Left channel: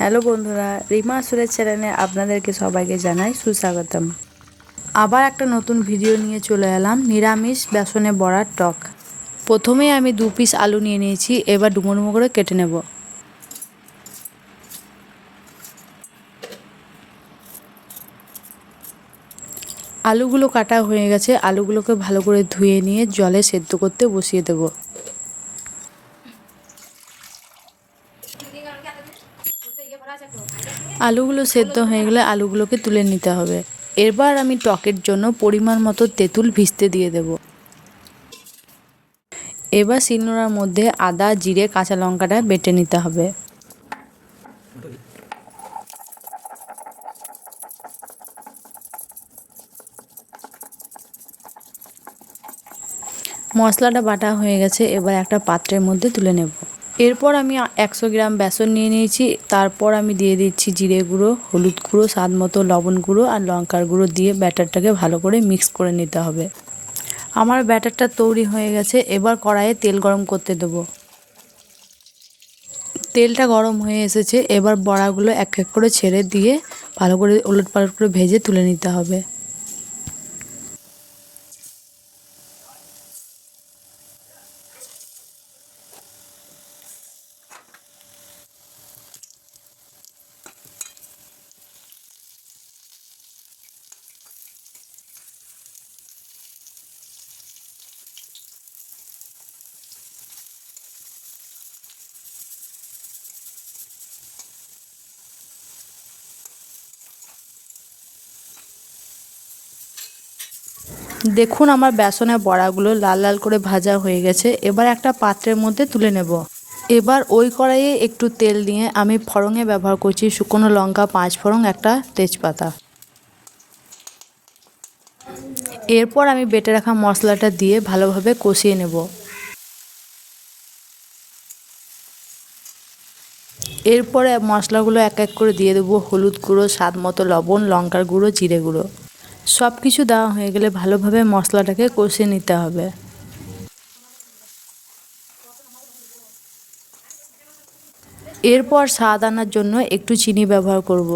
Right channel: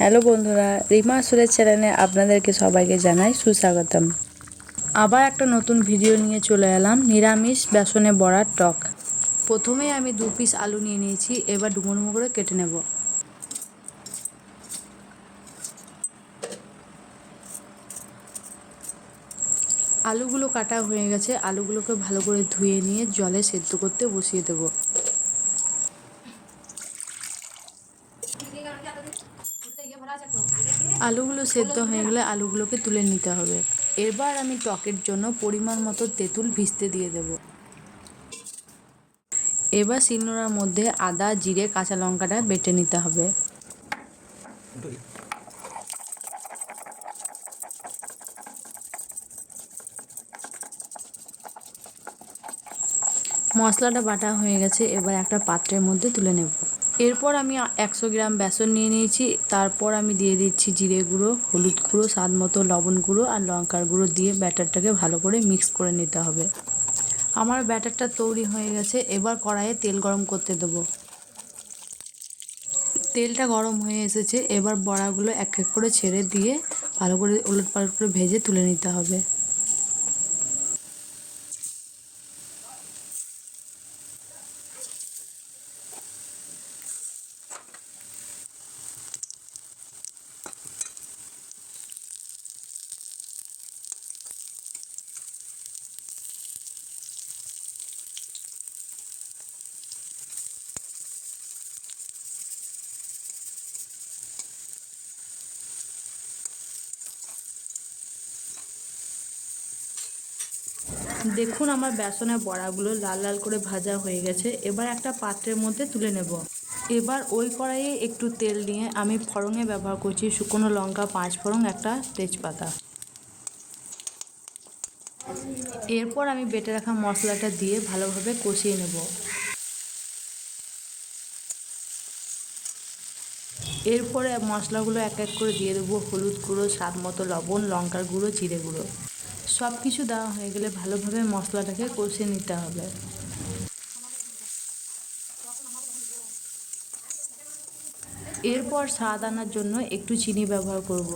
Hello বন্ধুরা, রিমা আসলের চ্যানেলে আপনাদেরকে সবাইকে জানাই সুস্বাগতম। আবার একটা নতুন ভিডিও নিয়ে চলে এলাম, নিরামিষ বেসনে বড়ার টক। প্রথমে আমি 2 পিস আলু নিয়ে নিয়েছি, এবার ডুমো ডুমো করে কেটে নেব। আলুগুলো কাটা হয়ে গেছে, আলুগুলোকে ভালো করে ধুয়ে নিয়ে জলে সেদ্ধ করতে বসিয়ে দেব। আলুগুলো সেদ্ধ হয়ে গেলে আলুগুলোকে তুলে নিতে হবে। এবার আমি টকের জন্য পরিমাণ মতো তেঁতুল ভিজতে দিয়ে দেব। এবার শিলনোড়ার মধ্যে আদা, জিরে, কাঁচা লঙ্কাটা বেটে নিতে হবে। মশলাটা বাটা হয়ে গেছে, এবার একটা পাত্রের মধ্যে তুলে নেব। এরপর আমি 100 গ্রাম বেসন নিয়ে নিয়েছি। তারপর আমি দিয়ে দিচ্ছি জিরে গুঁড়ো, হলুদ গুঁড়ো, স্বাদ মতো লবণ গুঁড়ো আর লঙ্কার গুঁড়ো দিয়ে ব্যাটারটাকে ভালো করে মিক্স করে নিতে হবে। আমার ব্যাটারটা তৈরি হয়ে গেছে। এবার কড়াইয়ে তেল গরম করতে দেবো। তেলটা গরম হয়ে এসেছে, এবার বড়াগুলো এক এক করে ছেড়ে দিয়ে ভালো করে ওলটপালট করে ভেজে তুলে নিতে হবে। দেখুন আমার বেসনের বড়াগুলো লাল লাল করে ভাজা হয়ে গেছে। এবার একটা পাত্রের মধ্যে তুলে নেব। এবার ওই কড়াইয়ে একটু তেল দিয়ে আমি ফড়ঙে ব্যবহার করছি শুকনো লঙ্কা, 5 ফোড়ন, একটা তেজপাতা। এরপর আমি বেটে রাখা মশলাটা দিয়ে ভালোভাবে কষিয়ে নেব। এরপরে মশলাগুলো এক এক করে দিয়ে দেবো। হলুদ গুঁড়ো, স্বাদ মতো লবণ, লঙ্কার গুঁড়ো, জিরে গুঁড়ো। সব কিছু দেওয়া হয়ে গেলে ভালোভাবে মশলাটাকে কষিয়ে নিতে হবে। এরপর স্বাদ আনার জন্য একটু চিনি ব্যবহার করব।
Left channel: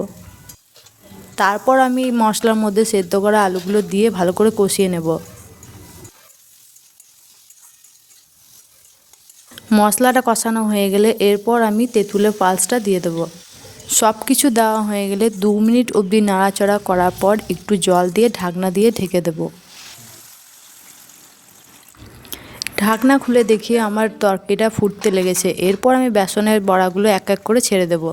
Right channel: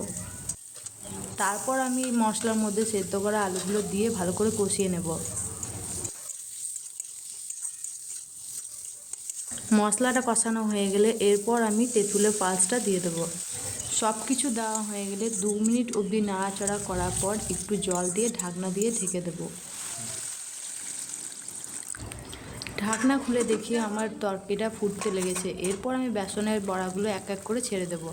তারপর আমি মশলার মধ্যে সেদ্ধ করা আলুগুলো দিয়ে ভালো করে কষিয়ে নেব। মশলাটা কষানো হয়ে গেলে এরপর আমি তেঁতুলের পাল্সটা দিয়ে দেবো। সব কিছু দেওয়া হয়ে গেলে 2 মিনিট অবধি নাড়াচাড়া করার পর একটু জল দিয়ে ঢাকনা দিয়ে ঢেকে দেব। ঢাকনা খুলে দেখি আমার তরকারিটা ফুটতে লেগেছে। এরপর আমি বেসনের বড়াগুলো এক এক করে ছেড়ে দেব।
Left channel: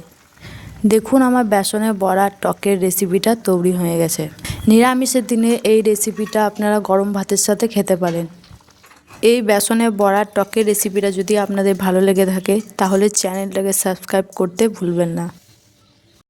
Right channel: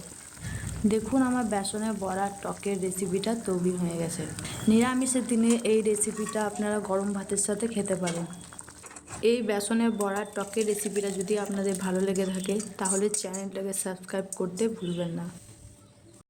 দেখুন আমার বেসনের বড়ার টকের রেসিপিটা তৈরি হয়ে গেছে। নিরামিষের দিনে এই রেসিপিটা আপনারা গরম ভাতের সাথে খেতে পারেন। এই বেসনের বড়ার টকের রেসিপিটা যদি আপনাদের ভালো লেগে থাকে তাহলে চ্যানেলটাকে সাবস্ক্রাইব করতে ভুলবেন না।